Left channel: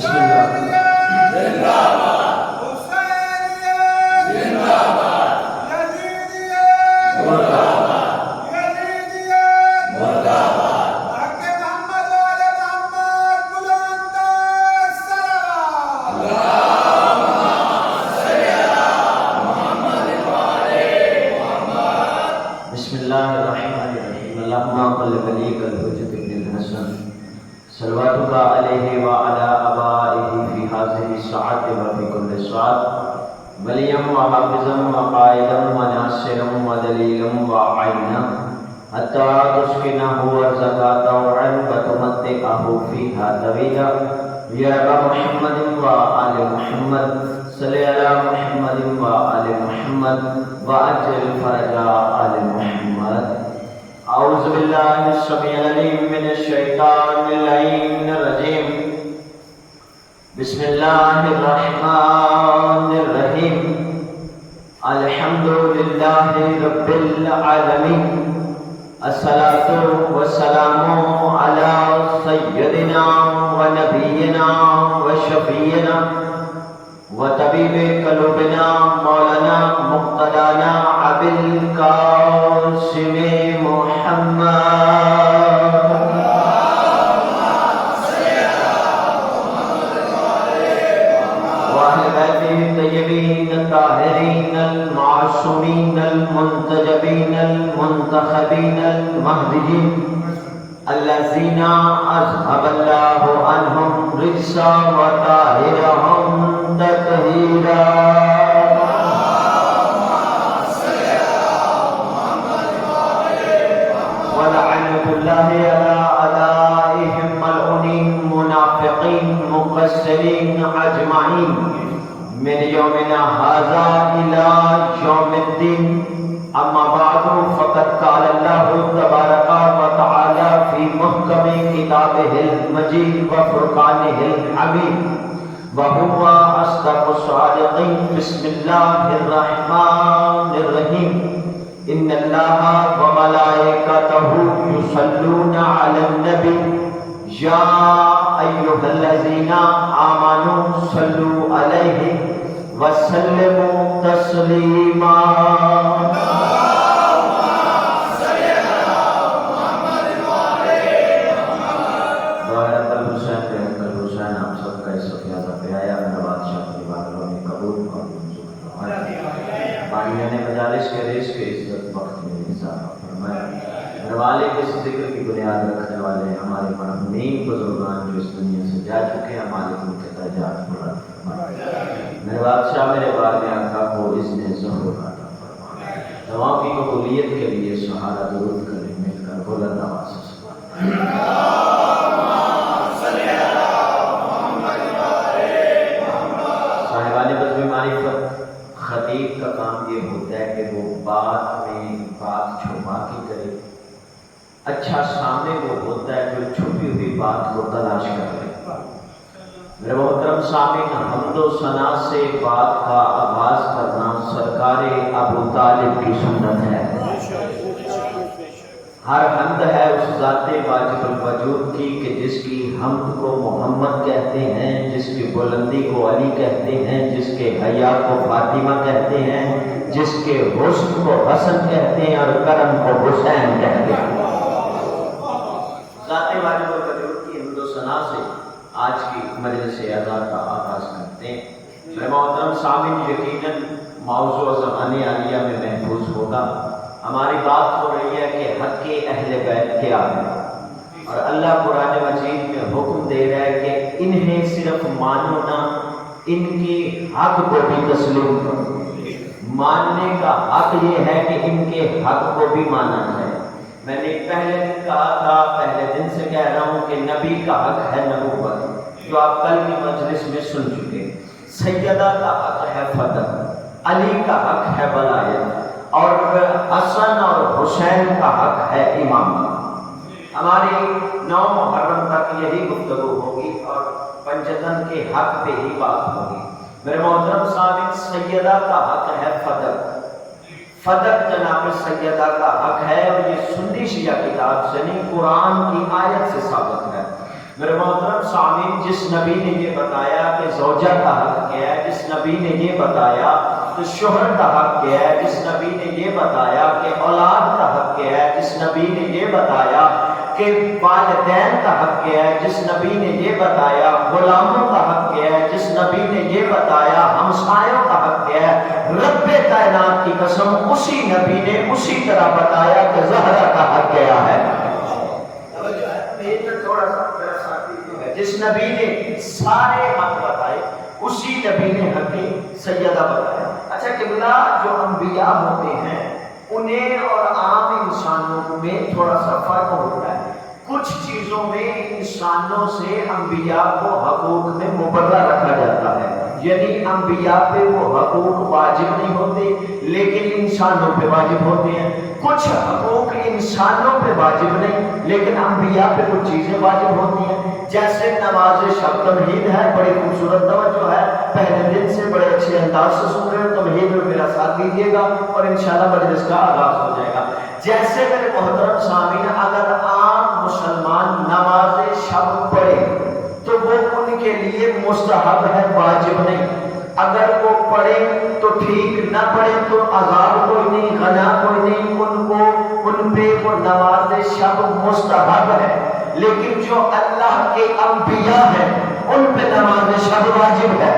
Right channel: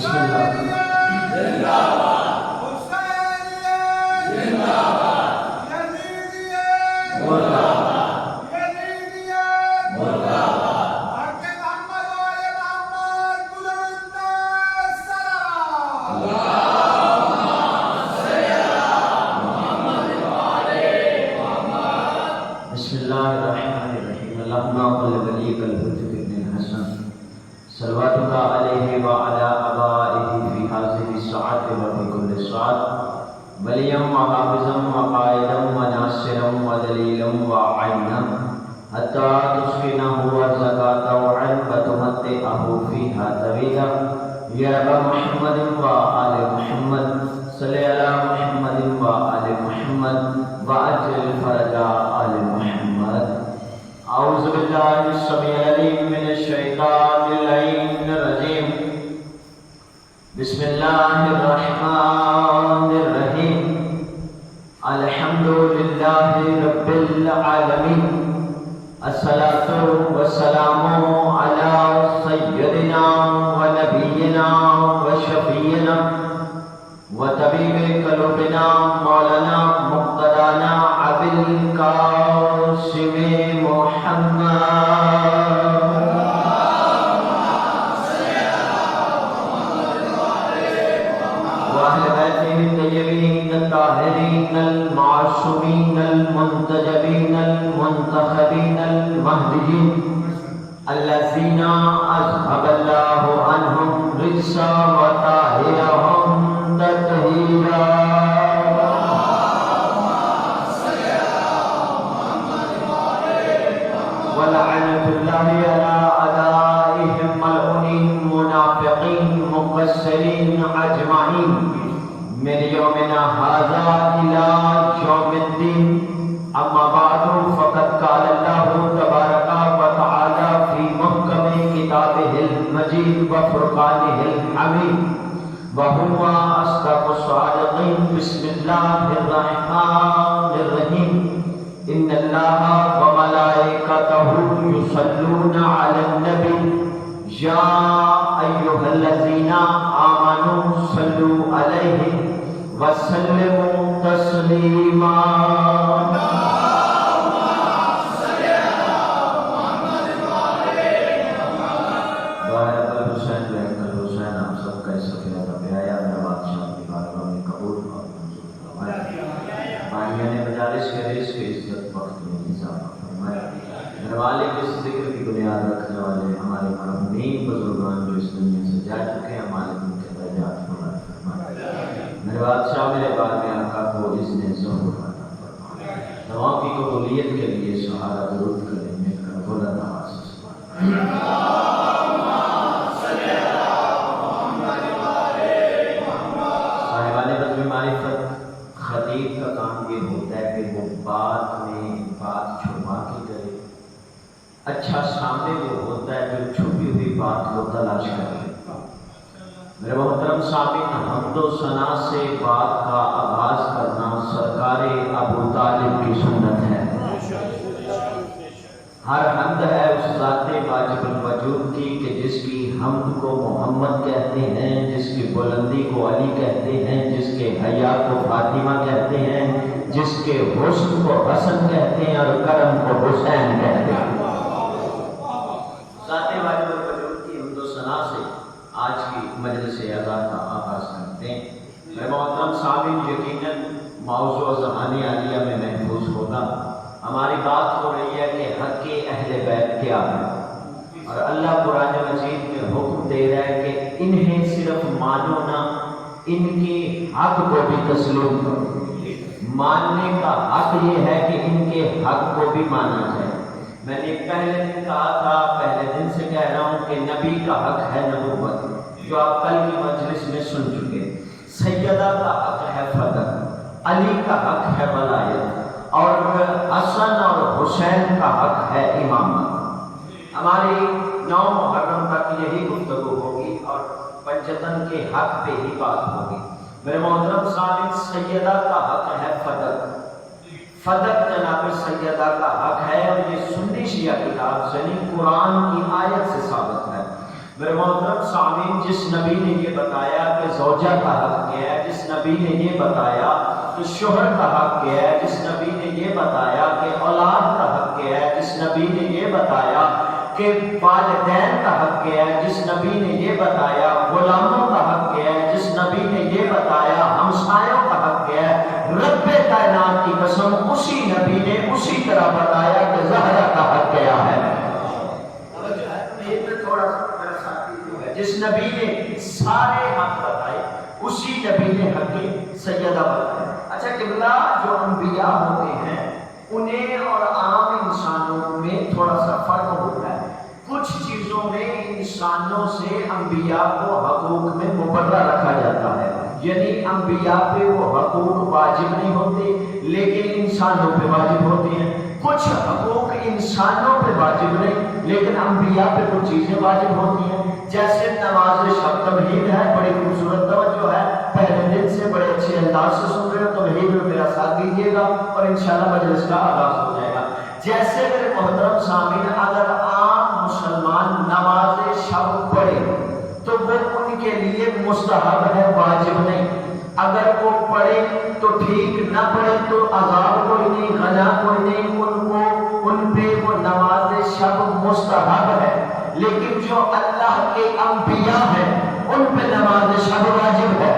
بسم اللہ. بسم اللہ الرحمن الرحیم. اللہم صل ولیک الحجۃ ابن الحسن صلواتک علیہ وعلی آبائہ فی ہذہ الساعۃ وفی کل ساعۃ ولیًا وحافظا وقائدا وناصرا ودلیلا وعینا حتی تسکنہ ارضک طوعا وتمتعہ فیہا طویلا. یا ابا محمد وآل محمد صلی علی محمد وآل محمد وعجل فرج آل محمد. اعوذ باللہ السمیع العلیم من الشیطان اللعین الرجیم. بسم اللہ الرحمن الرحیم. الحمد للہ رب العالمین. الصلاة والسلام علی سیدنا ونبینا وشفینا وطبیب قلوبنا مولانا مقتدانا ابی القاسم محمد واہل بیتہ الطیبین الطاہرین المعصومین المنتجبین المنتخبین المہدیین الذین اذهب اللہ عنہم الرجس وطہرہم تطہیرا. ولعنۃ اللہ علی اعدائہم ملعونین منافقین مقصرین اجمعین من یومنا ھذا الی یوم الدین. اما بعد فقد قال اللہ تبارک وتعالی فی محکم کتابہ المجید وفرقانہ الحمید وہو اصدق الصادقین. بسم اللہ الرحمن الرحیم. ان اللہ وملائکتہ یصلون علی النبی یا ایھا الذین آمنوا صلوا علیہ وسلموا تسلیما. اس ذکر کی بنیاد رکھنے والے ہمارے مرحومین بزرگان جو اس دنیا سے جا چکے ہیں، مالک ان کے درجات بلند فرمائے. میرے بادشاہ میرے بار میں آقا کو اذن ظہور عطا فرمائے. دعاؤں کی قبولیت کے لیے سہارا درود کریں مل کر بلند آواز سے. صاحبان بزم معرفت، خطیب کا کام یہ ہوتا ہے کہ وہ بات میں بات چھپا کے کرے. اچھا سامنے وہ ہوتا ہے جو چھپی ہوئی بات کو تلاش کرے. میرے محترم سامعین، حمد و ثنا سے بات کا آغاز کرنا سرکار ابو طالب کی سنت ہے. ہر حمد ہے اس ذات واجب الوجود کی کہ جس کی حمد کو محمد کہتے ہیں، جس کی بلندی کو علی کہتے ہیں، جس کے حیا کو فاطمہ کہتے ہیں، جس کے حسن کو حسن کہتے ہیں اور کرم کو حسین کہتے ہیں. ذات واجب الوجود کی حمد و ثنا سے آج کی مجلس اعزاز کا آغاز کرتے ہیں. میرے محترم سامعین، یقیناً موضوع زمانے عالیہ میں محفوظ ہوگا. ہماری بات ہو رہی ہے کہ حق اہل بیت کیا ہے، اور اللہ قرآن مجید میں حکم دے رہا ہے کہ انہیں صرف مانو نہ، ان کی حق کو بھی تسلیم کرو. ماننے کا حق یہ ہے کہ ان کے حق کو بھی مانا جائے. میں نے پہلے دن کہا تھا، پہلے دن سے کہہ رہا ہوں کہ نبی کا حق ہے نبوت، جو آپ کل کی مجلس میں سن چکے. سیدہ کا حق ہے فضل، علی کا حق ہے ولایت، اور حسن اور حسین کا حق ہے امامت. ہماری 9 محرم تک یہی گفتگو ہوگی اور پنجتن کے حق پہ ہی بات ہوگی. میرے محترم سامعین، سیدہ کا حق ہے فضل. فضل جناب سیدہ کا حق ہے، اور یہ سنی شیعہ کتاب سنی قرآن کی آیت سے ثابت ہے. میرے محترم سامعین، جس نبی نے یہ بتایا کہ زوجہ کا حق کیا ہے، جس نبی نے یہ بتایا کہ شوہر کا حق کیا ہے، جس نبی نے یہ بتایا کہ اولاد کا حق کیا ہے، جس نبی نے یہ بتایا کہ والدین کا حق کیا ہے، جس نبی نے یہ بتایا غلاموں کا حق کیا ہے، جس نبی نے یہ بتایا ہمسایوں کا حق کیا ہے، رب کائنات کی قسم اسی نبی نے اسی طرح بتایا کہ زہرا کا حق کیا ہے۔ جس نبی نے سارے حق بتائے اسی نبی نے حق سیدہ بتایا۔ اچھا قبلہ، جو انبیاء ہوتے ہیں انہیں اور عام انسانوں میں تھوڑا سا فرق ہوتا ہے۔ کچھ چیزوں میں انسانوں سے انبیاء کو حقوق میں مبرہ رکھا جاتا ہے، یعنی انبیاء پہ وہ حقوق واجب نہیں ہوتے لیکن انسانوں پہ واجب ہوتے ہیں۔ کچھ حقوق انسانوں پہ واجب نہیں لیکن انبیاء پہ کچھ چیزیں واجب ہوتی ہیں، جیسے نماز شب تمہید ہے، بڑی خوبصورت توجہ ہے، پہلے دن سے بڑے اچھے انداز سے سن رہے ہو، تمہید میں میرا ساتھ دیجیے گا اور انشاءاللہ مجلس کا آغاز ہو جائے گا۔ جیسے میرے محترم سامعین، اگر عام مسلمان نماز شب پڑھے تو وہ ان کے لیے مستحب ہے، واجب نہیں۔ اگر وہ پڑھے تو ٹھیک، نہ پڑھے تو عذاب کوئی نہیں، غنا کوئی نہیں، ان پہ وہ نماز شب مستحب ہے۔ لیکن جو اللہ کے انبیاء ہیں ان پہ نماز شب واجب ہے۔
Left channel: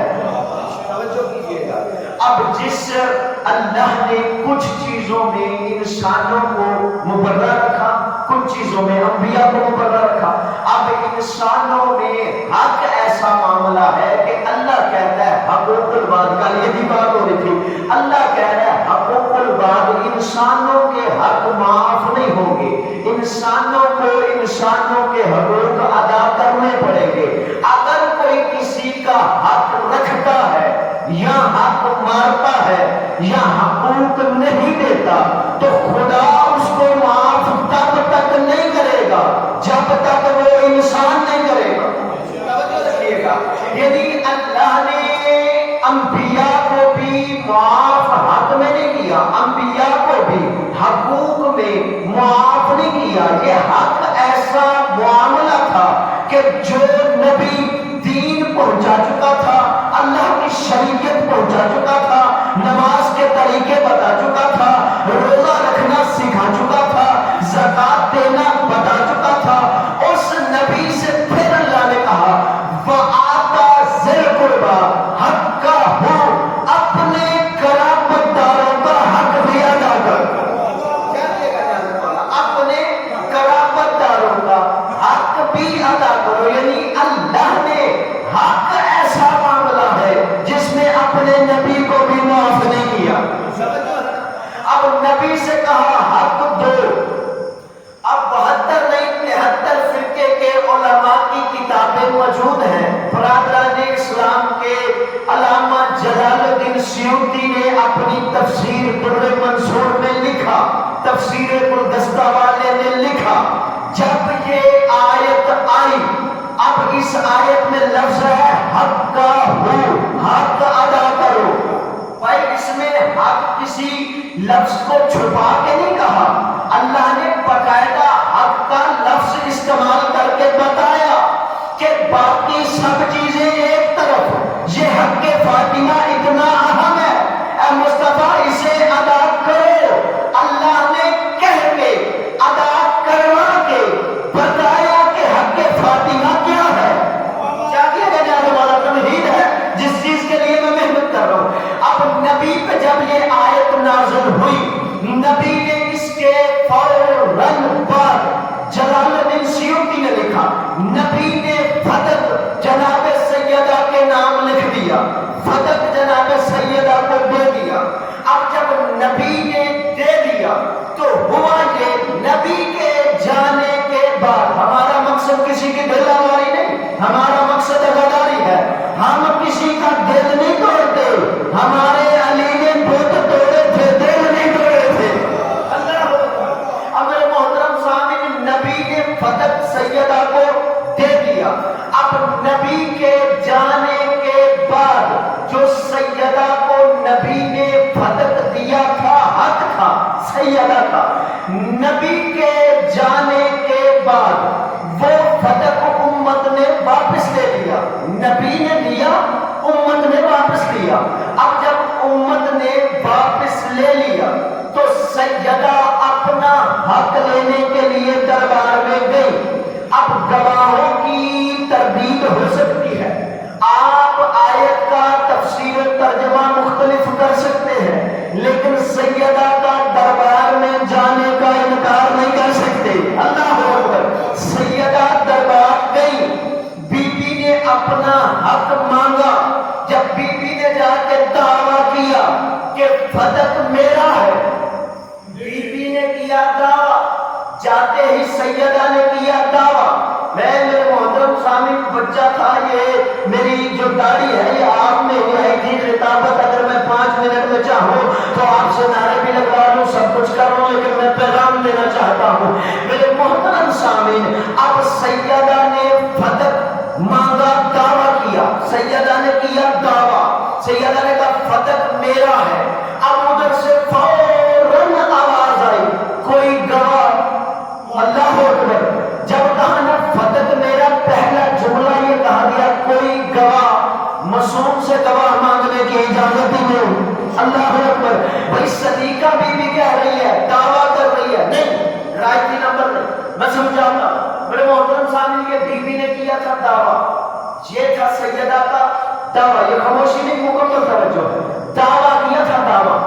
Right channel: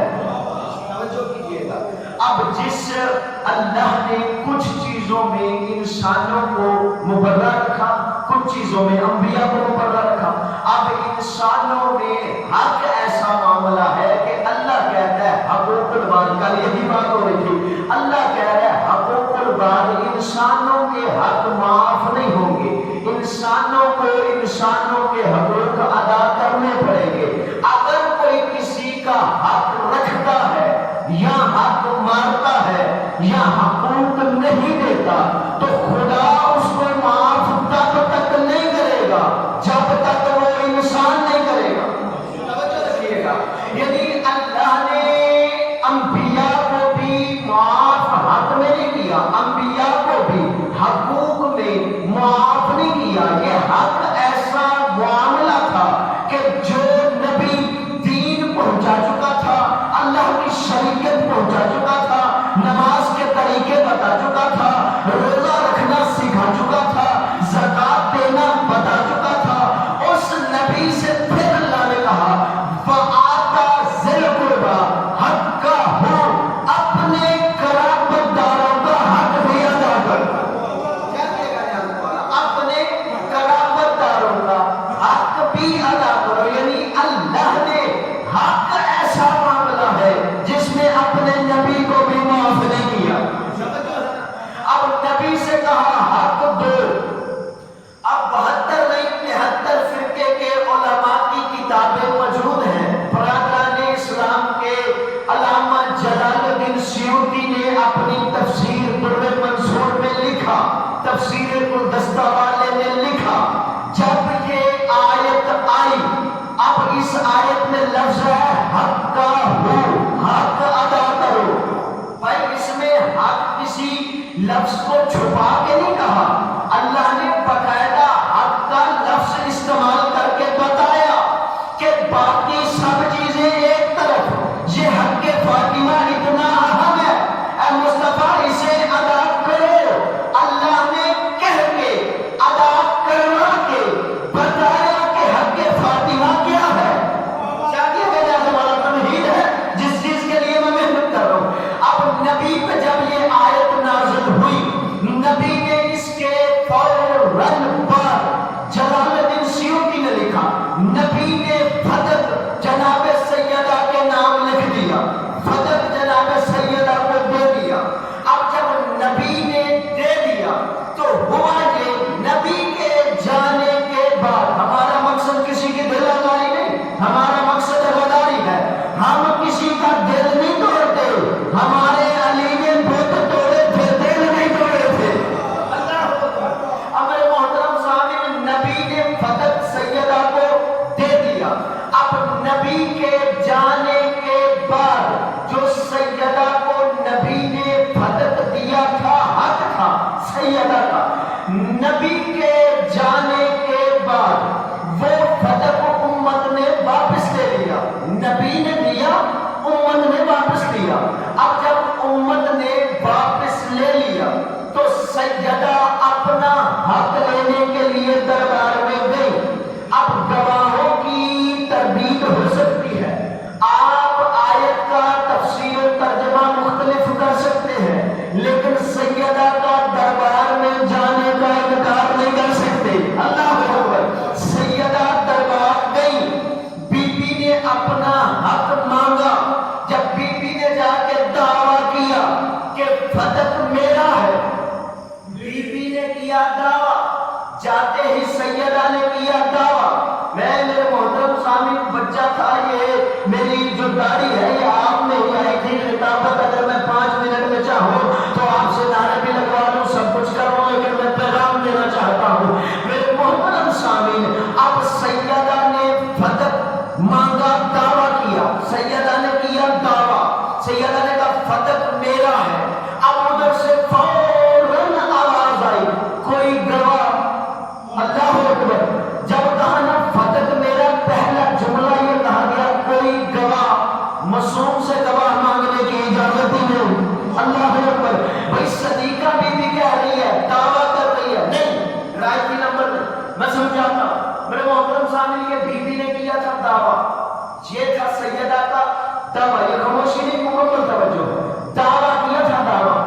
توجہ کیجیے گا، اب جس اللہ نے کچھ چیزوں میں انسانوں کو مبرہ رکھا، کچھ چیزوں میں انبیاء کو مبرہ رکھا، اب انسانوں میں حق ایسا معاملہ ہے کہ اللہ کہتا ہے حقوق الباد کا، یہی بات ہو رہی تھی، اللہ کہہ رہا ہے حقوق الباد، انسانوں کے حق معاف نہیں ہوں گے، انسانوں کو انسانوں کے حقوق ادا کرنے پڑیں گے۔ اگر کوئی کسی کا حق رکھتا ہے یا حق مارتا ہے یا حقوق نہیں دیتا تو خدا اس کو معاف تب تک نہیں کرے گا جب تک وہ انسان نہیں کرے گا۔ توجہ رکھیے گا، یعنی اللہ نے انبیاء کو بھی معاف حق میں نہیں کیا، انبیاء کو بھی حقوق میں معاف نہیں کیا۔ یہ حق ایسا معاملہ تھا کہ جو نبی دین پہنچا چکا تھا، اللہ کی شریعت پہنچا چکا تھا، نماز کے طریقے بتا چکا تھا، روزہ رکھنا سکھا چکا تھا، زکات دینا بتا چکا تھا، اس نبی سے پھر اللہ نے کہا وَآتَى ذِی الْقُرْبَى حَقَّهُ، اپنے قرابت داروں کا حق بھی ادا کر۔ کیا کہے گا جاننے والا؟ اپنے قرابت داروں کا حق بھی ادا کرو، یعنی اللہ نے حق ایسا معاملہ ہے جس میں اپنے نبی کو بھی معاف نہیں کیا۔ اب نبی سے کہا حق دو، اب 72 نہیں 73 فرقے کے علماء کی کتابیں موجود ہیں۔ برادران اسلام کے علامہ جلال الدین سیوطی نے اپنی تفسیر در منصور میں لکھا، تفسیر گلدستہ والے نے لکھا، جب یہ آیت آئی، اب اس آیت میں لفظ ہے حق کا ہو، حق ادا کرو۔ بھائی اس میں حق کسی لفظ کو چھپا کے نہیں کہا، اللہ نے باقاعدہ حق کا لفظ استعمال کر کے بتایا کہ باقی سب چیزیں ایک طرف، یہ حق فاطمہ اتنا اہم ہے، اے مصطفیٰ اسے ادا کرو۔ اللہ نے کہہ کے ادا کروا کے بتایا کہ حق فاطمہ کیا ہے۔ چاہیے کہ جانے والا تمہید ہے جس چیز کے لیے میں محنت کر رہا ہوں۔ اب نبی پہ جب یہ آیت نازل ہوئی، نبی نے اس کے فوراً بعد جلال الدین سیوطی نے لکھا، نبی نے فدق جناب سیدہ کے نام لکھ دیا، فدق جناب سیدہ کو دے دیا۔ اب جب نبی نے دے دیا تو ہوا یہ، نبی کے جانے کے بعد ہمارا مقصد کسی کی دل لگائی نہیں، ہمارا مقصد غداری ہے، ہم کسی کا دل نہیں توڑتے، ہمارے علی نے بت توڑے تھے، دل نہیں توڑے تھے۔ اللہ اب میرے محترم سامعین، نبی نے فتح سیدہ کو دے دیا۔ اب نبی کے جانے کے بعد جو سیدہ کو نبی نے فتح دیا تھا، حق تھا سیدہ کا، نبی کے جانے کے بعد وہ فتح امت نے لے لیا، نبی نے دیا، امت نے واپس لیا۔ اب جب امت نے واپس لے لیا تو سیدہ اپنا حق لینے کے لیے دربار میں گئی۔ اب گواہوں کی تردید ہو سکتی ہے، آپ آیت کا تفسیر و ترجمہ مختلف کر سکتے ہیں، لیکن سیدہ کا دربار میں جانے کا انکار نہیں کر سکتے۔ اللہ اکبر۔ سیدہ دربار گئی، بی بی نے اپنا حق مانگا۔ جب بی بی نے جا کے دعویٰ کیا کہ فتق میرا ہے، بی بی نے کیا دعویٰ، جاتے ہی سیدہ نے کیا دعویٰ، میں میرے محترم سامنے بچہ تھا، یہ میری جو داڑھی ہے یہ آپ میں ہوا ہے کہ خطابت اگر میں 5 منٹ میں چاہوں تو آپ سے نعرے بھی لگوا لوں، سب کچھ کر لوں، لیکن میں پیغام دینا چاہتا ہوں میرے محترم سامعین۔ اب سیدہ نے فتق مانگا، دعویٰ کیا، سیدہ نے کیا دعویٰ، سیدہ نے کہا فتق میرا ہے۔ اب ادھر سے فوراً آواز آئی، کوئی گواہ۔ اللہ اکبر۔ جب کہا نا فتق میرا، پہلا جملہ یہ کہا گیا کوئی گواہ، معصوم سے گواہ مانگنے کی اجازت ہی نہیں۔ اللہ اکبر۔ بھائی صدیقہ بی بی کہہ رہی ہے، دعویٰ کر رہی ہے، نہیں رائٹی نمبر نہیں، میں سمجھاتا ہوں میرے محترم سامنے، یہ بی بی نے کیا تھا دعویٰ، یہ تھا سیدہ کا دعویٰ، یہ خاموشی نہیں، مکمل توجہ ہے، دعویٰ کیا تھا دعویٰ۔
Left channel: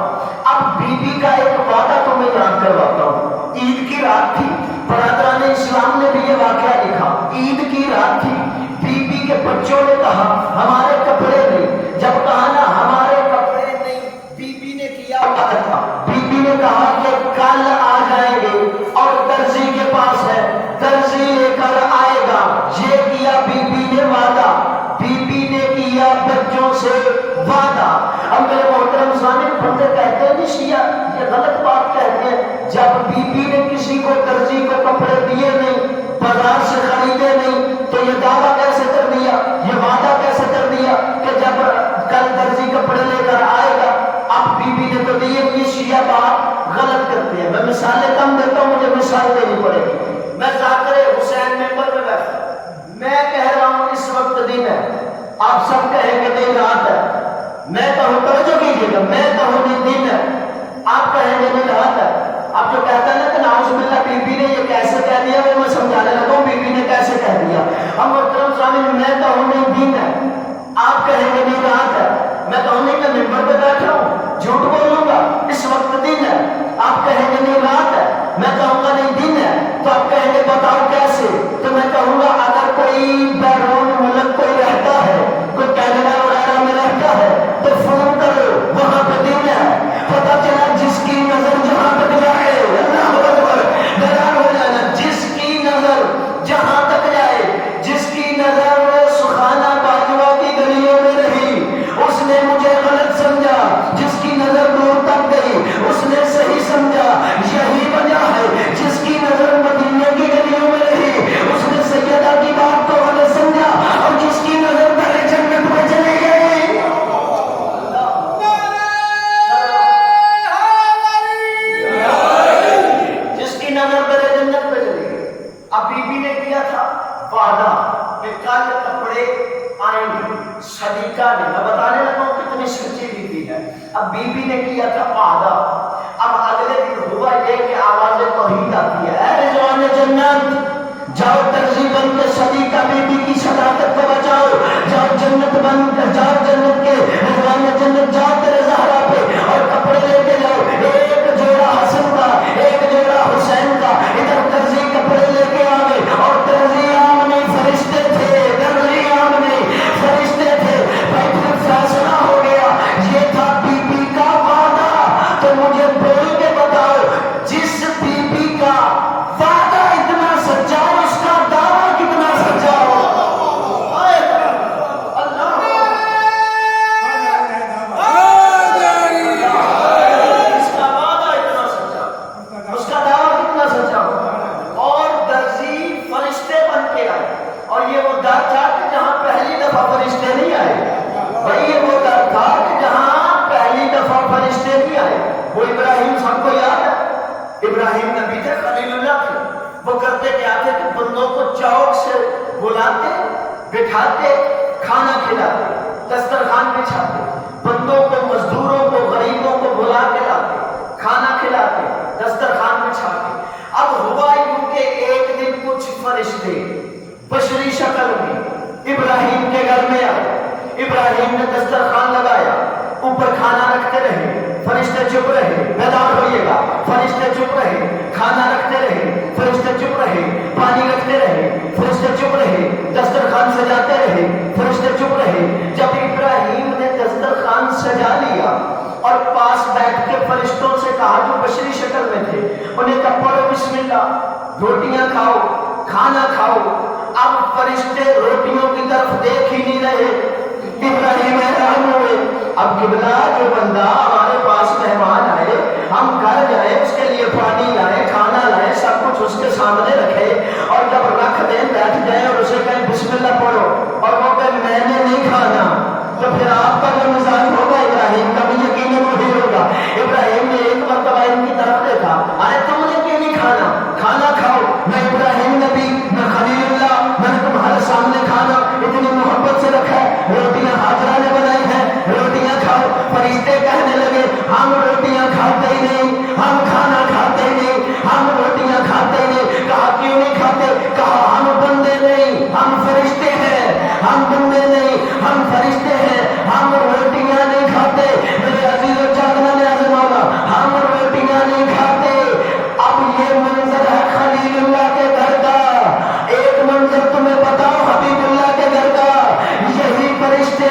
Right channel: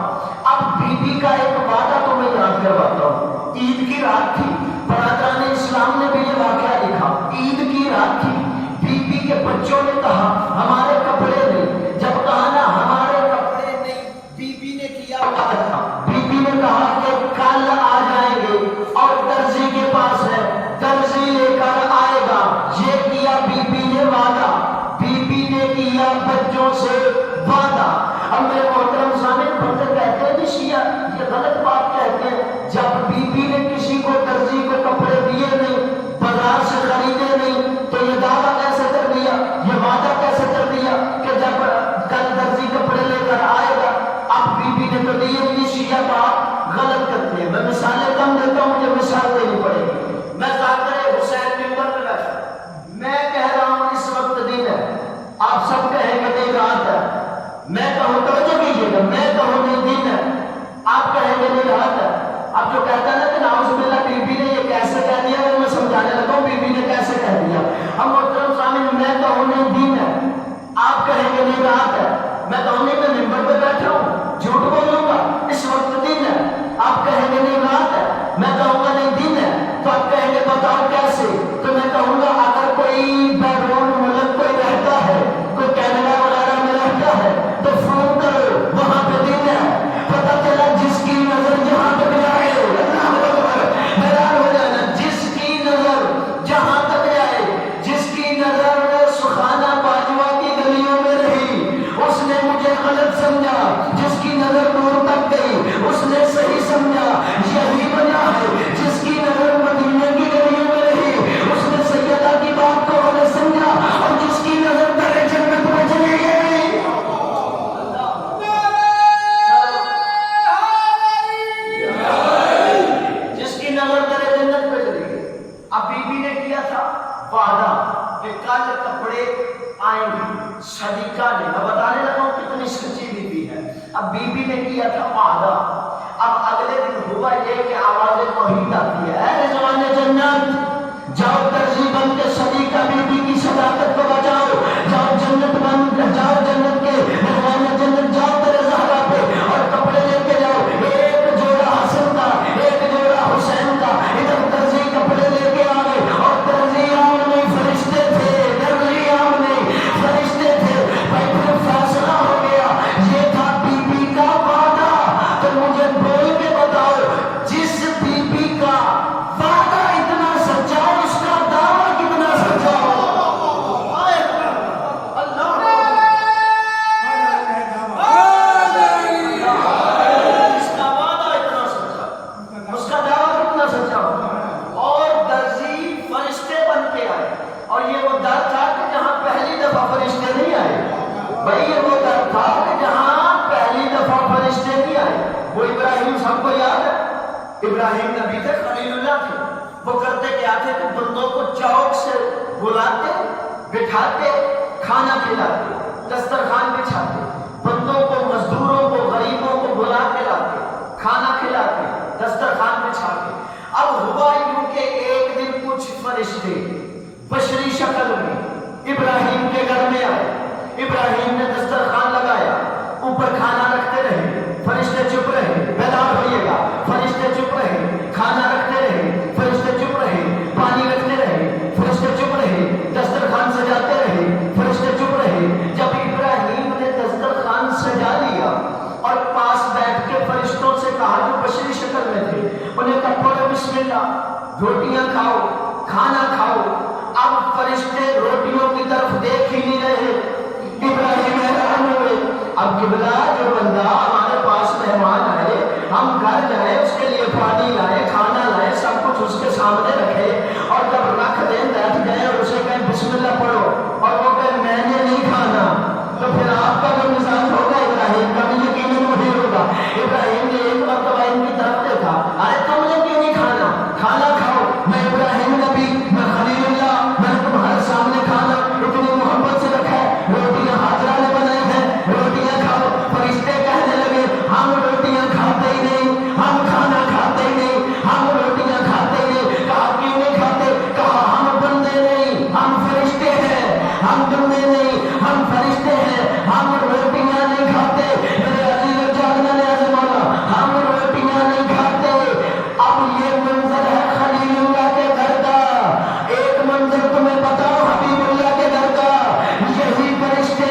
اب بی بی کا ایک وعدہ تو میں یاد کرواتا ہوں، عید کی رات تھی، برادران اسلام نے بھی یہ واقعہ لکھا، عید کی رات تھی، بی بی کے بچوں نے کہا ہمارے کپڑے نہیں، جب کہا نا ہمارے کپڑے نہیں، بی بی نے کیا وعدہ تھا، بی بی نے کہا کہ کل آ جائیں گے اور درزی کے پاس ہے، درزی لے کر آئے گا، یہ کیا بی بی نے وعدہ، بی بی نے کیا بچوں سے وعدہ۔ اب میرے محترم سامنے بندے کہتے ہیں شیعہ یہ غلط بات کہتے ہیں، جب بی بی نے کسی کو درزی کو کپڑے دیے نہیں، بازار سے خریدے نہیں، تو یہ دعویٰ کیسے کر دیا، یہ وعدہ کیسے کر دیا کہ جب کل درزی کپڑے لے کر آئے گا؟ اب بی بی نے تو دیے، یہ شیعہ بات غلط کرتے ہیں۔ میں مثالیں کم دیتا ہوں، مجھے مثال دینی پڑے گی۔ میں ذاکر حسین ممبر میں بیٹھا، میں کہہ رہا ہوں اس وقت دن ہے، آپ سب کہیں کہ دن رات ہے، میں کہوں توجہ کیجیے گا، میں کہوں دن ہے، آپ کہیں گے دن رات ہے۔ اب جو کہتا ہے نا کہ نعوذ باللہ بی بی نے یہ کیسے کہہ دیا، وہ میں سمجھانے لگا ہوں بی بی نے کیسے کہہ دیا۔ ہم محترم سامنے، میں کہوں نہیں دن ہے، آپ کہیں گے نہیں رات ہے، میں کہوں نہیں میں ممبر پہ بیٹھا ہوں جھوٹ بولوں گا، اس وقت دن ہے، آپ کہیں گے نہیں رات ہے، میں کہوں گا نہیں دن ہے، تو آپ کہیں گے بتاؤ کیسے، تو میں کہوں گا اگر کوئی بیرون ملک کوئی رہتا ہے، کوئی کینیڈا وغیرہ میں رہتا ہے تو فون کرو، وہاں پہ دن ہے، پتہ چلا جس کی نظر جہاں تک جائے، حیران ہو جانا، جس کی نظر جہاں تک جائے، جس کی نظر سخانہ باجوہ کی گلیوں میں رہی، اس نے مجھے غلط سمجھا، جس کی نظر دور تک گئی اس نے صحیح سمجھا، یہی وجہ ہے جس کی نظر مدینے کی گلیوں میں رہی اس نے سیدہ کی بات کو غلط سمجھا، اور جس کی نظر در جنت میں چلی گئی، جس کی نظر در جنت میں چلی گئی۔ اب بی بی نے کیا تھا وعدہ کہ کل کپڑے آئیں گے، صدیقہ نے، میں بتانے لگا ہوں کتنی سچی بی بی ہے۔ اب بی بی نے کیا تھا وعدہ، اب اگلے دن ہوا یہ کہ آواز توحید آتی ہے، اے رضوان جنت جاؤ، درزی بن کے صدیقہ بی بی کی صداقت کو بچاؤ، جاؤ جنت بن کے، جاؤ جنت کے رضوان جنت، جاؤ تیرے زہرا پہ اور کپڑے لے کے جاؤ، ایک جوڑا حسن کا ایک جوڑا حسین کا، ادھر درزی کپڑے لے کے آئے، اور درزی عام نہیں فرشتے تھے، درزی عام نہیں فرشتے تھے، بیٹھے فیصلہ ہو گیا، یہ تھا بی بی کا وعدہ۔ تو مجھے بول کے بتاؤ، جس بی بی کا وعدہ اتنا سچا ہو اس کا دعویٰ کتنا سچا ہو۔ اس کا وعدہ اتنا سچا، اس کا دعویٰ کتنا سچا ہو۔ اور درزی فرشتے بن کے آئے، اور یہ وہ در تھا کہ جہاں پہلی دفعہ فرشتے نہیں آئے، بھائی یہ وہ در تھا کہ جہاں پہلی دفعہ فرشتے نہیں آئے۔ وہ ابراہیم سب کو یاد ہے، ابراہیم نبی تھے، خلیل اللہ تھے، وہ کرتے کیا تھے کہ بندوں کو چوک سے بلاتے، بٹھاتے, کھانا کھلاتے, دسترخوان بچھاتے, بندوں کو, مزدوروں کو, غریبوں کو بلا کے لاتے, کھانا کھلاتے, دسترخوان بچھاتے. اب ہوا یوں کہ ایک دن کچھ فرشتے بشری شکل میں ابراہیم کے گھر میں آئے. ابراہیم نے دسترخوان لگایا, اوپر کھانا رکھتے رہے, فرشتے چپ رہے, بیدار ہوئیے گا, فرشتے چپ رہے, کھانا رکھتے رہے, فرشتے چپ رہے, پانی رکھتے رہے, فرشتے چپ رہے, دسترخوان سجاتے رہے, فرشتے چپ رہے. جب ابراہیم نے دسترخوان سجا لیا اور پاس بیٹھ کے فرشتوں سے کہا جو بشری شکل میں تھے, انہیں کہا پڑھو بسم اللہ, روٹیاں کھاؤ, کھانا کھاؤ. اب فرشتے روٹیوں کی طرف دیکھ ہی نہیں رہے. ابراہیم حیران ہوئے. اب قبلہ جو بندہ ہمارے پاس مہمان آئے, ہم گھر جائیں, اس کے لیے پانی لائے, کھانا لائے, سب کچھ اس کے سامنے رکھے, اور جب رکھ دیں بیٹھ جائیں اور اسے کہیں بسم اللہ پڑھو, اور وہ کہیں میں نے نہیں کھانا, تو پھر آپ کا جو مزاج ہوگا ابراہیم کا بھی یقیناً وہی ہوگا. ابراہیم نے ایک مرتبہ ان کی طرف دیکھا, ارے تم نے کیوں نہیں کھانا, کھانا کھاؤ, میں ابراہیم نبی, میں خلیل اللہ, میں نے تمہارے سامنے کھانا اتنی محبت سے رکھا ہے, روٹیاں حاضرہ نے بنائی ہیں, روٹیاں کھاؤ. فرشتے کہنے لگے ہم روٹیاں کھاتے ہی نہیں, ہم کھانا کھاتے ہی نہیں, ہم روٹیاں کھاتے ہی نہیں. کہا کیوں نہیں کھاتے, کہا ہم بندے نہیں, ہم فرشتے ہیں. ہم بندے نہیں, ہم فرشتے ہیں, ہم روٹیاں نہیں کھاتے. میرے عزیز و جاننے والے مولا, ہم روٹیاں نہیں کھاتے. اب یہ منظر ہے خلیل اللہ کے گھر کا. ایک منظر تمہیں بتاؤ حبیب اللہ کے گھر کا. یہی فرشتے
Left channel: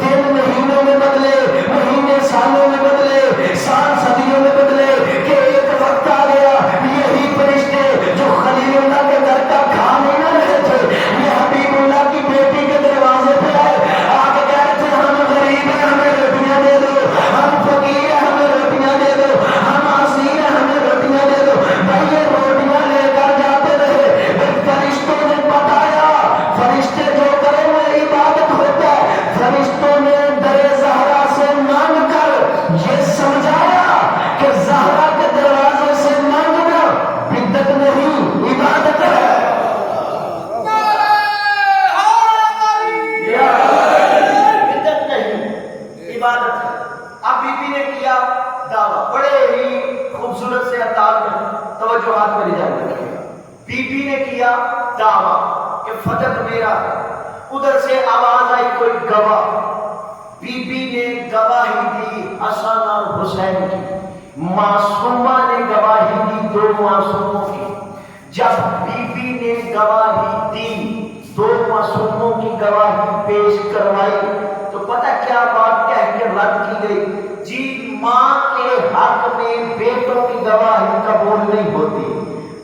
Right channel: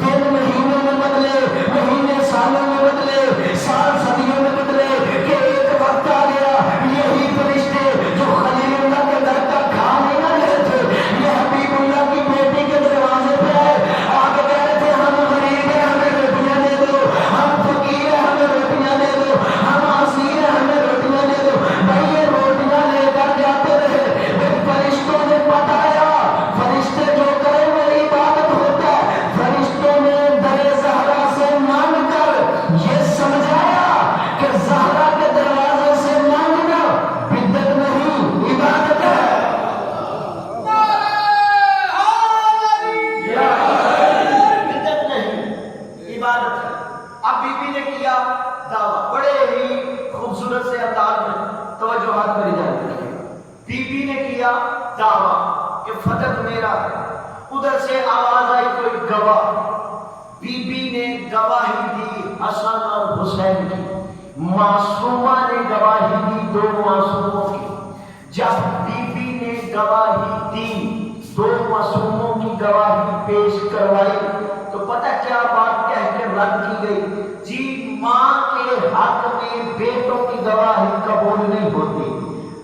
دن مہینوں میں بدلے, مہینے سالوں میں بدلے, سال صدیوں میں بدلے, کہ ایک وقت آ گیا یہی فرشتے جو خلیل اللہ کے گھر کا کھا نہیں نہ رہے تھے, یہ حبیب اللہ کی بیٹی کے دروازے پہ آئے, آ کے کہہ رہے تھے ہم غریب ہیں, ہمیں روٹیاں دے دو, ہم فقیر ہیں, ہمیں روٹیاں دے دو, ہم اسیر ہیں, ہمیں روٹیاں دے دو. بھائی یہ روٹیاں لے کر جاتے رہے. فرشتوں نے بتایا, فرشتے جو کریں وہ عبادت ہوتا ہے. فرشتوں نے در زہرا سے مانگ کر یہ سمجھایا کہ زہرا کے دروازے سے مانگنا بدعت نہیں, عبادت ہے. بدعت نہیں, عبادت ہے. اب بی بی نے کیا دعویٰ, بڑے ہی خوبصورت سے انداز میں توجہات میری جان رکھیے. بی بی نے کیا دعویٰ کہ فتح میرا ہے. ادھر سے آواز آئی کوئی گواہ. بی بی نے گواہی دی حسن اور حسین کی. معصومہ نے گواہی دی دو معصوموں کی. جب بی بی نے گواہی دی, دو معصوموں کی گواہی پیش کروائی, تو پتہ کیا بات کہہ کے رد کی گئی, جی ماں کے حق میں بیٹوں کی گواہی قبول نہیں ہوتی.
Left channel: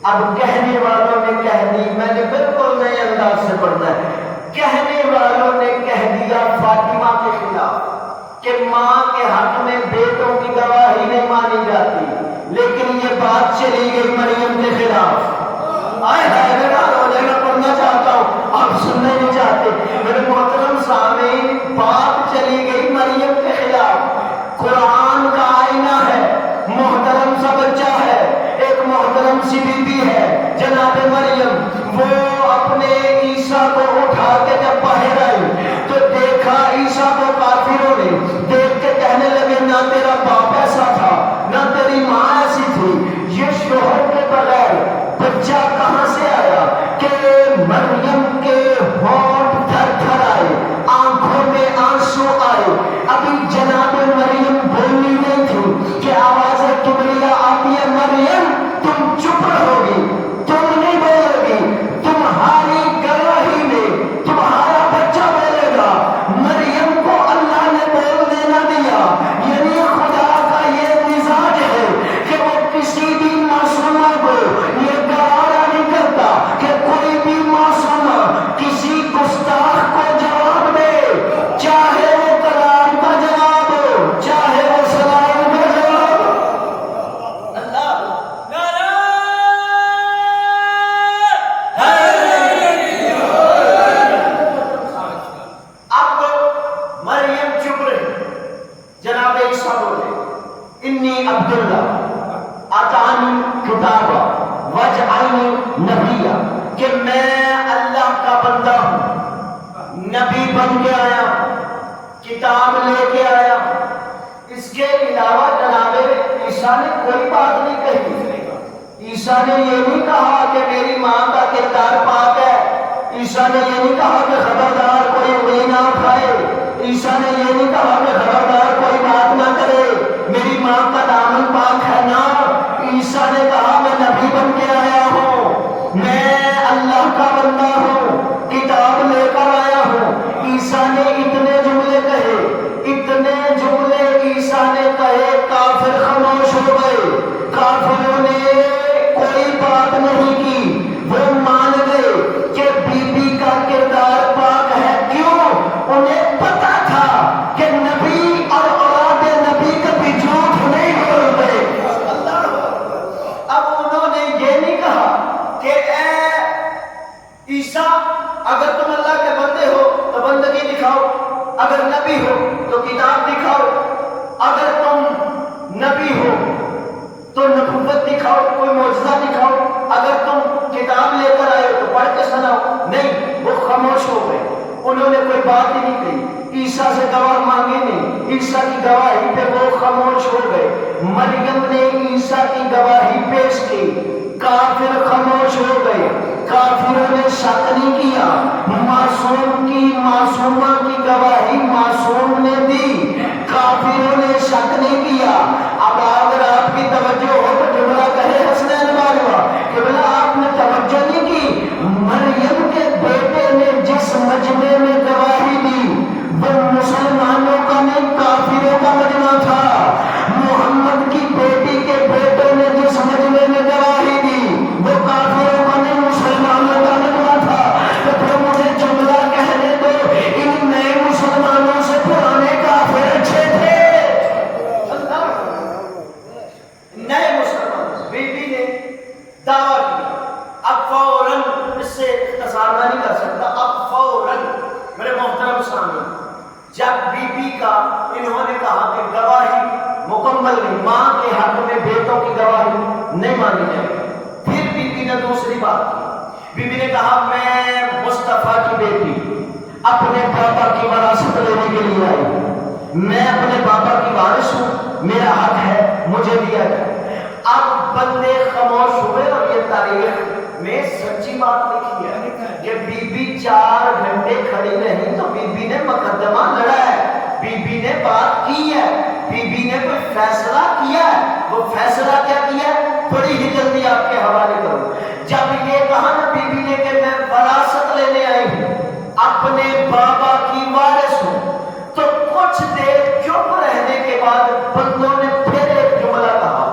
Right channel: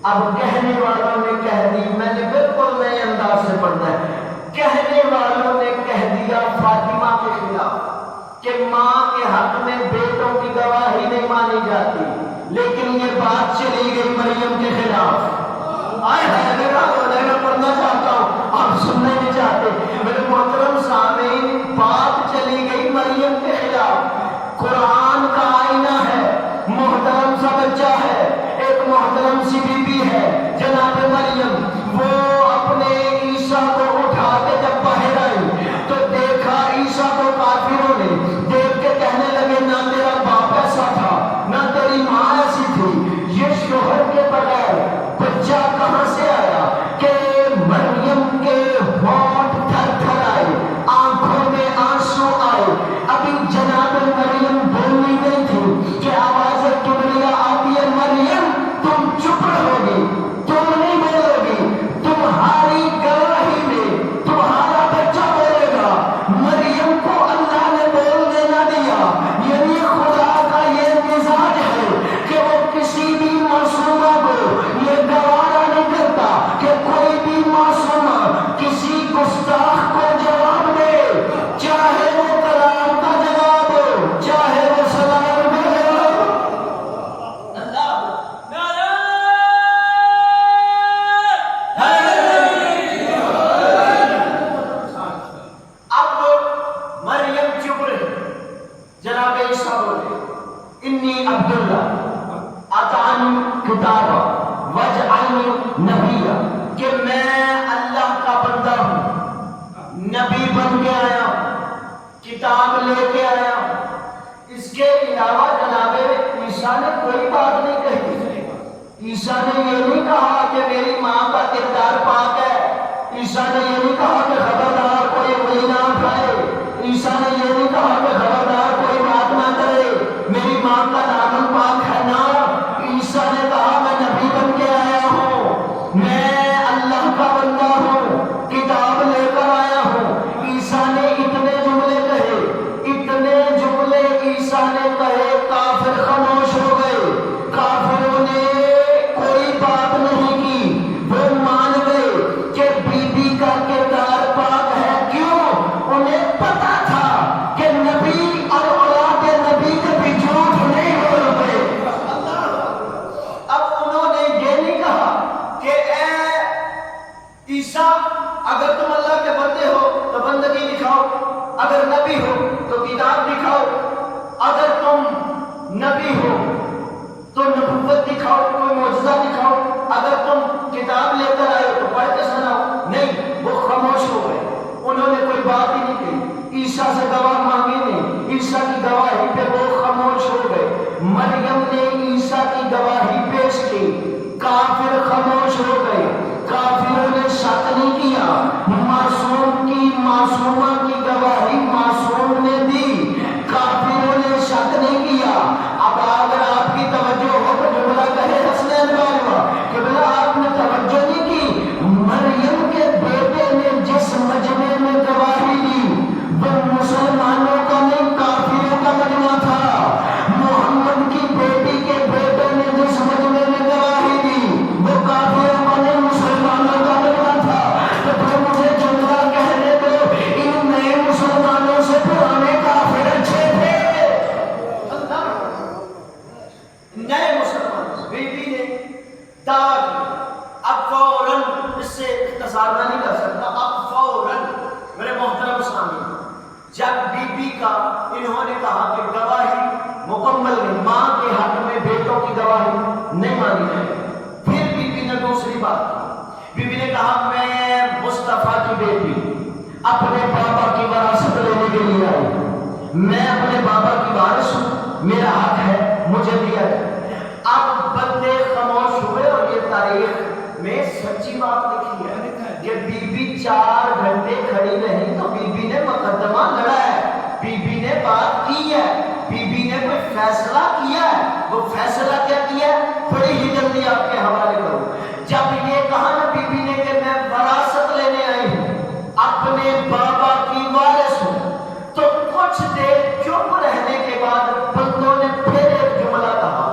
اب کہنے والوں نے کہہ دی, میں نے بالکل نئے انداز سے پڑھنا ہے, کہنے والوں نے کہہ دیا فاطمہ کے خلاف کہ ماں کے حق میں بیٹوں کی گواہی نہیں مانی جاتی, لیکن یہ بات چلی گئی مریم کے خلاف. آئے میں پڑھنا چاہتا ہوں, آپ سننے نہیں چاہتے. میرے محترم سامعین, بات چلی گئی مریم کے خلاف. قرآن کا آئینہ ہے, محترم سا بچہ ہے, ایک محترم سی بی بی ہے جناب مریم. وہ اپنے عیسیٰ کو اٹھا کے جب باہر آئی تو دیکھا عیسیٰ کو کافروں نے دیکھ کے کہنے لگے نہ تیرا باپ ایسا تھا, نہ تیری ماں ایسی تھی, یہ شوہر کے بغیر بچہ کہاں سے آیا. کہ مریم کے ہونٹ تھر تھر آئے, آنکھوں میں آنسو آئے. ابھی جناب مریم بولنی نہیں تھی کہ آواز کبریا آتی ہے, مریم تم چپ رہو گی, تم نہیں بولو گی, تمہاری گواہی میں نبی بن کے آیا کتاب لے کے آیا اس کے علاوہ جناب عیسیٰ نے کوئی بات نہیں کہی عیسیٰ نے یہ نہیں کہا کہ میری ماں کا کردار پاک ہے عیسیٰ نے یہ نہیں کہا کہ خبردار کوئی انگلی نہ اٹھائے عیسیٰ نے یہ نہیں کہا کہ خبردار کوئی بات نہ کرے میری ماں کا دامن پاک ہے نا عیسیٰ نے کہا میں نبی بن کے آیا ہوں میں اللہ کا بندہ ہوں کتاب لے کر آیا ہوں عیسیٰ نے اتنے جملے کہے اتنے جملے عیسیٰ نے کہے کافر خاموش ہو گئے کافروں نے کوئی بات نہیں کی وہ مان گئے کہ بی بی کا کردار پاک ہے کیوں انہیں پتا تھا کہ نبی اور اولاد نبی کبھی جھوٹ نہیں بولتے اب انہوں نے یہ نہیں کہا کہ اے عیسیٰ اگر تم اللہ کے بندے ہو تو بندگی دکھاؤ اگر نبی ہو تو کتاب دکھاؤ اگر تم نبی ہو تو نبوت دکھاؤ کوئی معجزہ دکھاؤ اگر تم کتاب لے کر آئے تو پڑھ کے سناؤ نہیں وہ خاموش ہو گئے انہوں نے کوئی بات ہی نہیں کی عیسیٰ سے گواہ مانگی نہیں عیسیٰ کی گواہی پہ وہ خاموش ہو گئے مریم نے عیسیٰ کی گواہی پیش کی کافر خاموش ہو گئے کافروں نے شک نہیں کیا معصوم کی معصومہ کی گواہی معصوم نے دی کافروں نے شک نہیں کیا اب اگر آپ کی توجہ ہو تو جملہ کہے حسنین باجوہ جملہ آپ نے توجہ نہیں کی مریم کے بیٹے نے جس مجمع میں گواہی دی وہ مسلمانوں کا نہیں کافروں کا مجمع تھا محمد کی بیٹی کے بیٹے نے جس مجمع میں گواہی دی وہ کافروں کا نہیں مسلمانوں کا مجمع تھا تو پھر مجھے جملہ کہنے دو ان نئے مسلمانوں سے پرانے کافر اچھے تھے نئے مسلمان بیٹی نے دعویٰ کیا اب فوراً اس سے اختصار نہ نہیں کر سکتا اب فوراً میرے محترم سامنے جب بی بی کا انہوں نے کہا کہ گواہی مکمل نہیں ماں کے حق میں بیٹوں کی گواہی نہیں مانی جائے گی پھر بی بی نے دوسری بات کی بی بی نے کہا میں مصطفیٰ کی بیٹی اپنے بابا کی وراثت لینے کے لیے آئی میں اپنے بابا کی وارث ہوں میرا حق ہے مجھے دیا جائے اب بندے خاموش ہوئے اور یہ تاریخ میں سچی بات لکھی ہے کہ بی بی 4 گھنٹے کھڑی نہیں تو بی بی نے مقدمہ لڑا ہے بی بی نے بات کی ہے بی بی نے کوئی فیصلہ کیا ہے وہ فیصلہ کیا کیا ہے بڑی ہی جلدی آپ کے حوالے کروں جب یہ کہا نا بی بی نے کہ میں وراثت لینے آئی ہوں اپنے بابا کی وارث ہوں تو کچھ دیر چپ رہنے کے بعد بندوں نے پھر ایک جملہ کہا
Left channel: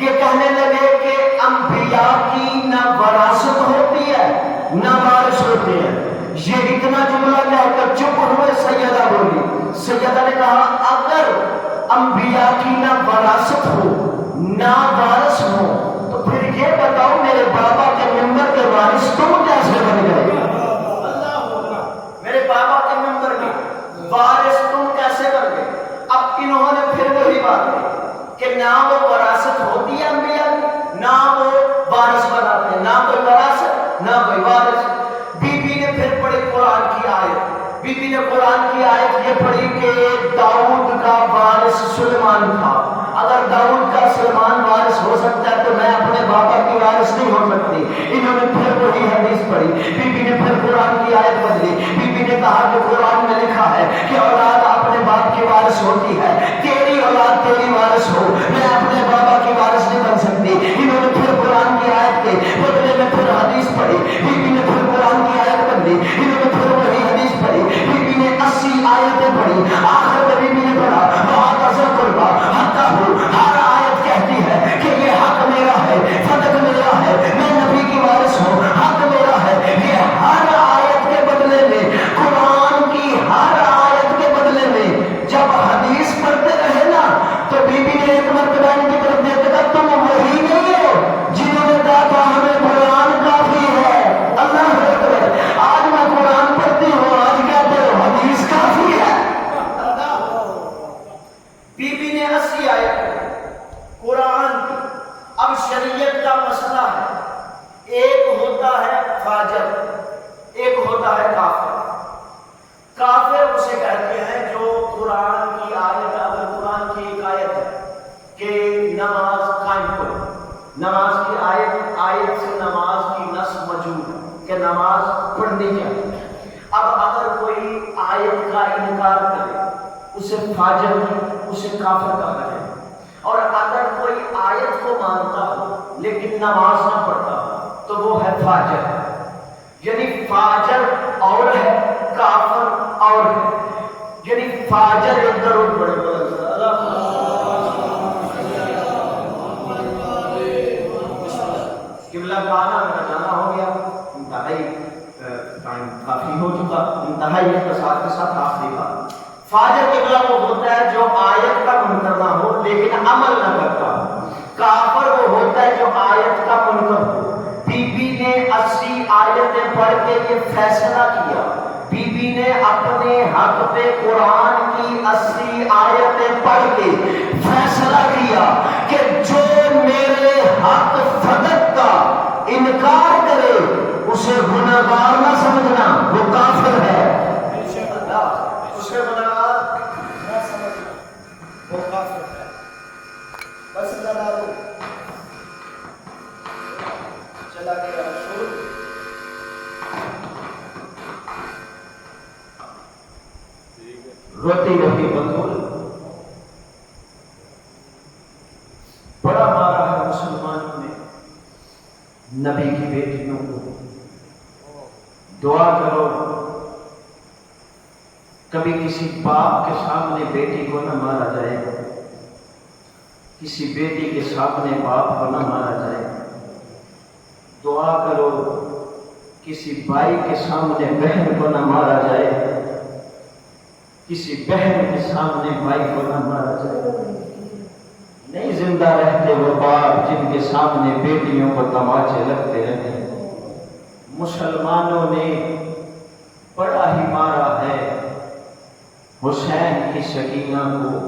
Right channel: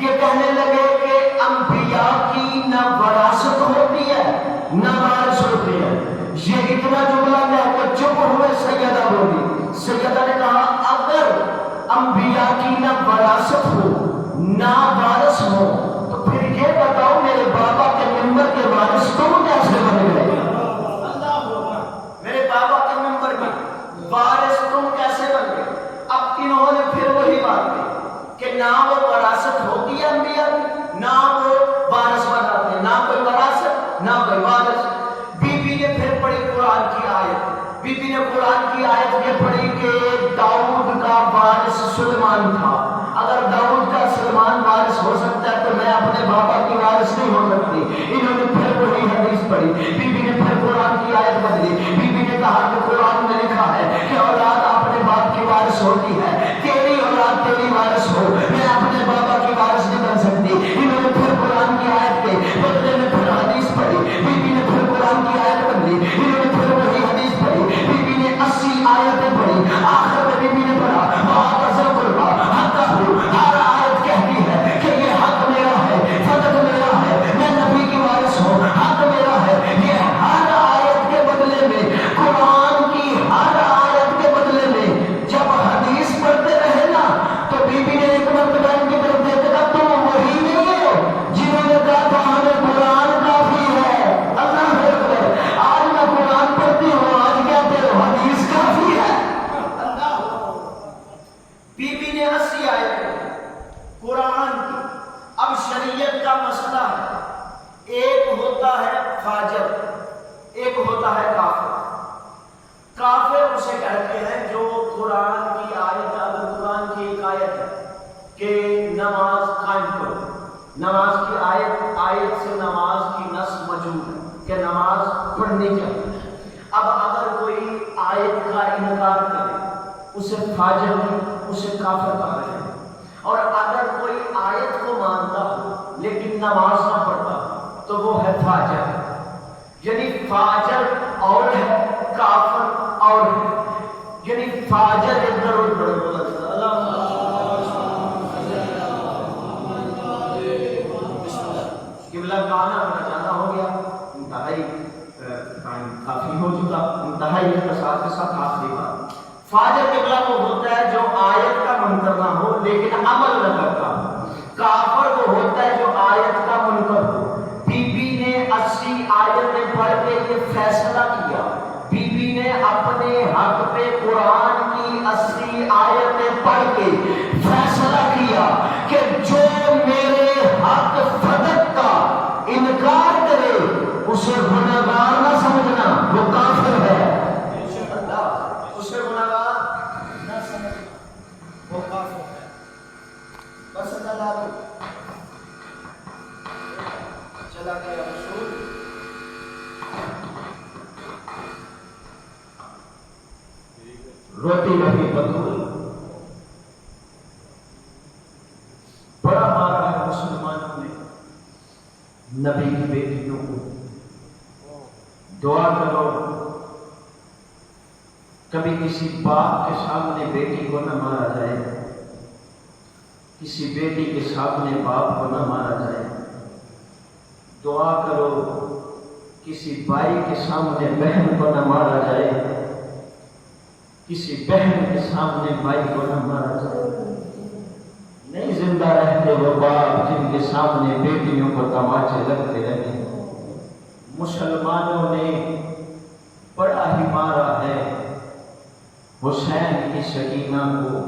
یہ کہنے لگے کہ انبیاء کی نہ وراثت ہوتی ہے نہ وارث ہوتی ہے یہ اتنا جملہ کہہ کر چپ ہوئے سیدہ بولی سیدہ نے کہا اگر انبیاء کی نہ وراثت ہو نہ وارث ہو تو پھر یہ بتاؤ میرے بابا کے ممبر کے وارث تم کیسے بن گئے میرے بابا کے ممبر میں وارث تم کیسے بن گئے اب انہوں نے پھر وہی بات کی کہ نہ وہ وراثت ہوتی ہے انبیاء نہ وہ وارث بناتے ہیں نہ کوئی وراثت نہ کوئی وارث بی بی نے پھر پڑھی قرآن کی آیت بی بی نے قرآن کی آیت یہ پڑھی کہ داؤد کا وارث سلیمان تھا اگر داؤد کا سلیمان وارث ہو سکتا ہے تو میں اپنے بابا کی وارث نہیں ہو سکتی انہوں نے پھر وہی حدیث پڑھی بی بی نے پھر قرآن کی آیت بدلی بی بی نے کہا کہ قرآن میں لکھا ہے کہ اولاد اپنے باپ کی وارث ہوتی ہے تیری اولاد تیری وارث ہو میں اپنے بابا کی وارث نہیں بن سکتی انہوں نے پھر قرآن کی آیت کے بدلے میں پھر حدیث پڑھی بی بی نے پھر قرآن کی آیت بدلی انہوں نے پھر وہی حدیث پڑھی بی بی نے 80 آیتیں پڑھی آخر میں بی بی نے پڑھا بہت اثر کروا حقہ ہو ہر آیت کہتی ہے کہ یہ حق میرا ہے فضل میرا ہے میں نبی کی وارث ہوں حق میرا ہے یہ ہر آیت کے بدلے میں قرآن کی ہر آیت کے بدلے میں جب حدیث پڑھتے رہے نا تو بی بی نے ایک اب اگر کوئی آیت کا انکار کرے اسے فاجر نہیں، اسے کافر کہا ہے، اور اگر کوئی آیت کو مانتا ہو لیکن نماز نہ پڑھتا ہو تو وہ ہے فاجر. یعنی فاجر اور ہے، کافر اور ہے. یعنی فاجر ایک ضرور بڑے قبلہ کا آنا میرا جانا ہو گیا، انتہائی ٹائم کافی ہو چکا، انتہائی اختصار کے ساتھ آخری بات. فاجر قبلہ وہ ہوتا ہے جو آیت کا منکر نہ ہو لیکن عمل نہ کرتا ہو. کافر وہ ہوتا ہے جو آیت کا منکر ہو. بی بی نے 80 آیتیں پڑھ کے یہ فیصلہ کیا، بی بی نے اپنے حق پہ قرآن کی 80 آیتیں پڑھ کے فیصلہ کیا کہ جو میرے حق فدق کا انکار کرے اسے گناہگار نہ سمجھنا، وہ کافر ہے. اسے گناہگار نہ سمجھنا، وہ کافر ہے. بس اللہ چلا گیا رسول. روتی رہی بطول، بڑا مارا ہے مسلمانوں نے نبی کی بیٹیوں کو. دعا کرو کبھی کسی باپ کے سامنے بیٹی کو نہ مارا جائے، کسی بیٹی کے سامنے باپ کو نہ مارا جائے. دعا کرو کسی بھائی کے سامنے بہن کو نہ مارا جائے، کسی بہن کے سامنے بھائی کو نہ مارا جائے. نہیں زندہ رہتے وہ باپ جن کے سامنے بیٹیوں کو تماچے لگتے رہتے. مسلمانوں نے بڑا ہی مارا ہے حسین کی سکینہ کو.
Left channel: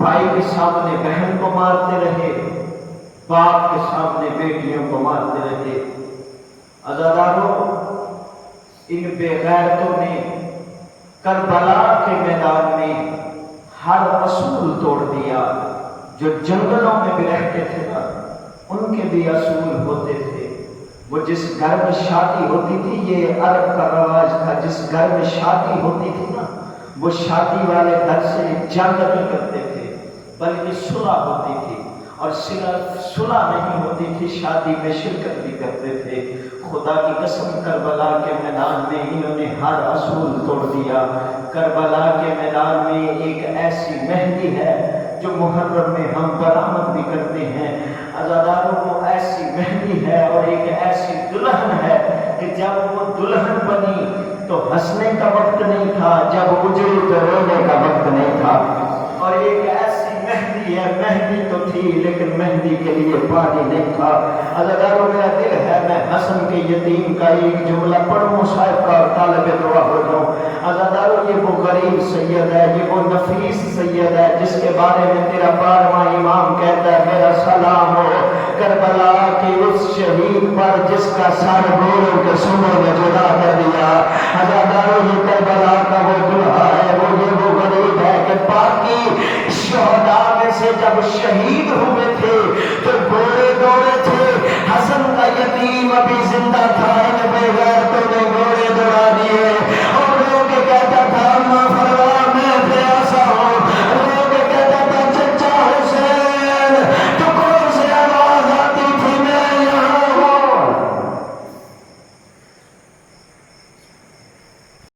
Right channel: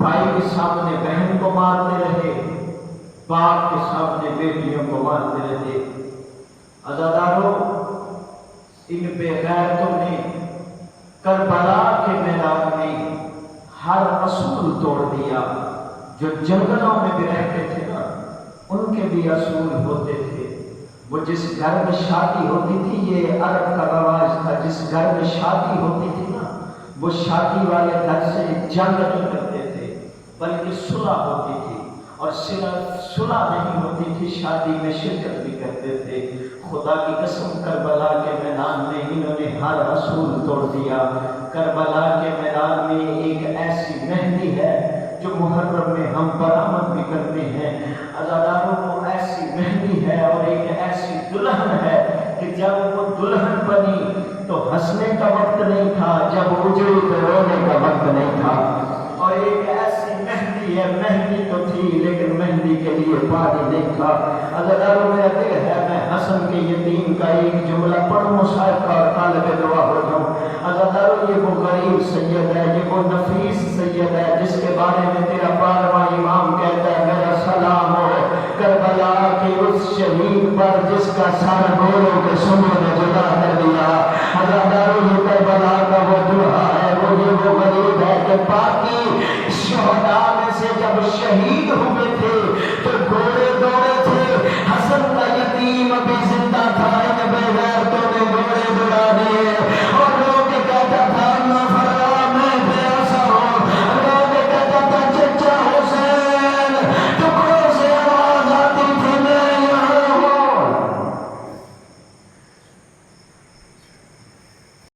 بھائی کے سامنے بہن کو مارتے رہے، باپ کے سامنے بیٹیوں کو مارتے رہے. عزیزانو، ان بے غیرتوں نے کربلا کے میدان میں ہر اصول توڑ دیا. جو جنگلوں میں بھی رہتے تھے نا، ان کے بھی اصول ہوتے تھے. وہ جس گھر میں شادی ہوتی تھی، یہ عرب کا رواج تھا، جس گھر میں شادی ہوتی تھی نا، وہ شادی والے گھر سے جنگ نہیں کرتے تھے بلکہ صلح ہوتی تھی. اور صرف صلح نہیں ہوتی تھی، شادی میں شرکت بھی کرتے تھے. خدا کی قسم کربلا کے میدان میں انہوں نے ہر اصول توڑ دیا. کربلا کے میدان میں ایک ایسی مہندی ہے جو محرم میں ہم برآمد بھی کرتے ہیں. عزاداروں کو ایسی مہندی ہے اور ایک ایسی دلہن ہے کہ جب وہ دلہن بنی تو ہنسنے کا وقت نہیں تھا، جب اجڑی تو رونے کا وقت نہیں تھا. اور ایک ایسی مہندی ہے، مہندی تو تھی لیکن مہندی کے لیے پانی نہیں تھا. عزاداروں میرا دل ہے میں حسن کے یتیم کا ایک جملہ پڑھوں شاید کا طالب دعا ہو جاؤں. عزاداروں یہ وہ غریب سید ہے، یہ وہ نفیس سید ہے جس کے بارے میں تیرا 12واں امام کہتا ہے میرا سلام ہو کربلا کے اس شہید پر جس کا سر گوروں کے سنوں نے جدا کر دیا. عزاداروں یہ کربلا کا وہ دلہا ہے، وہ غریب ہے کہ باقی شہداء میں سے جب شہید ہوئے تھے تو گھوڑے دوڑے تھے، حسن کا یتیم ابھی زندہ تھا، ان بے غیرتوں نے گھوڑے دوڑا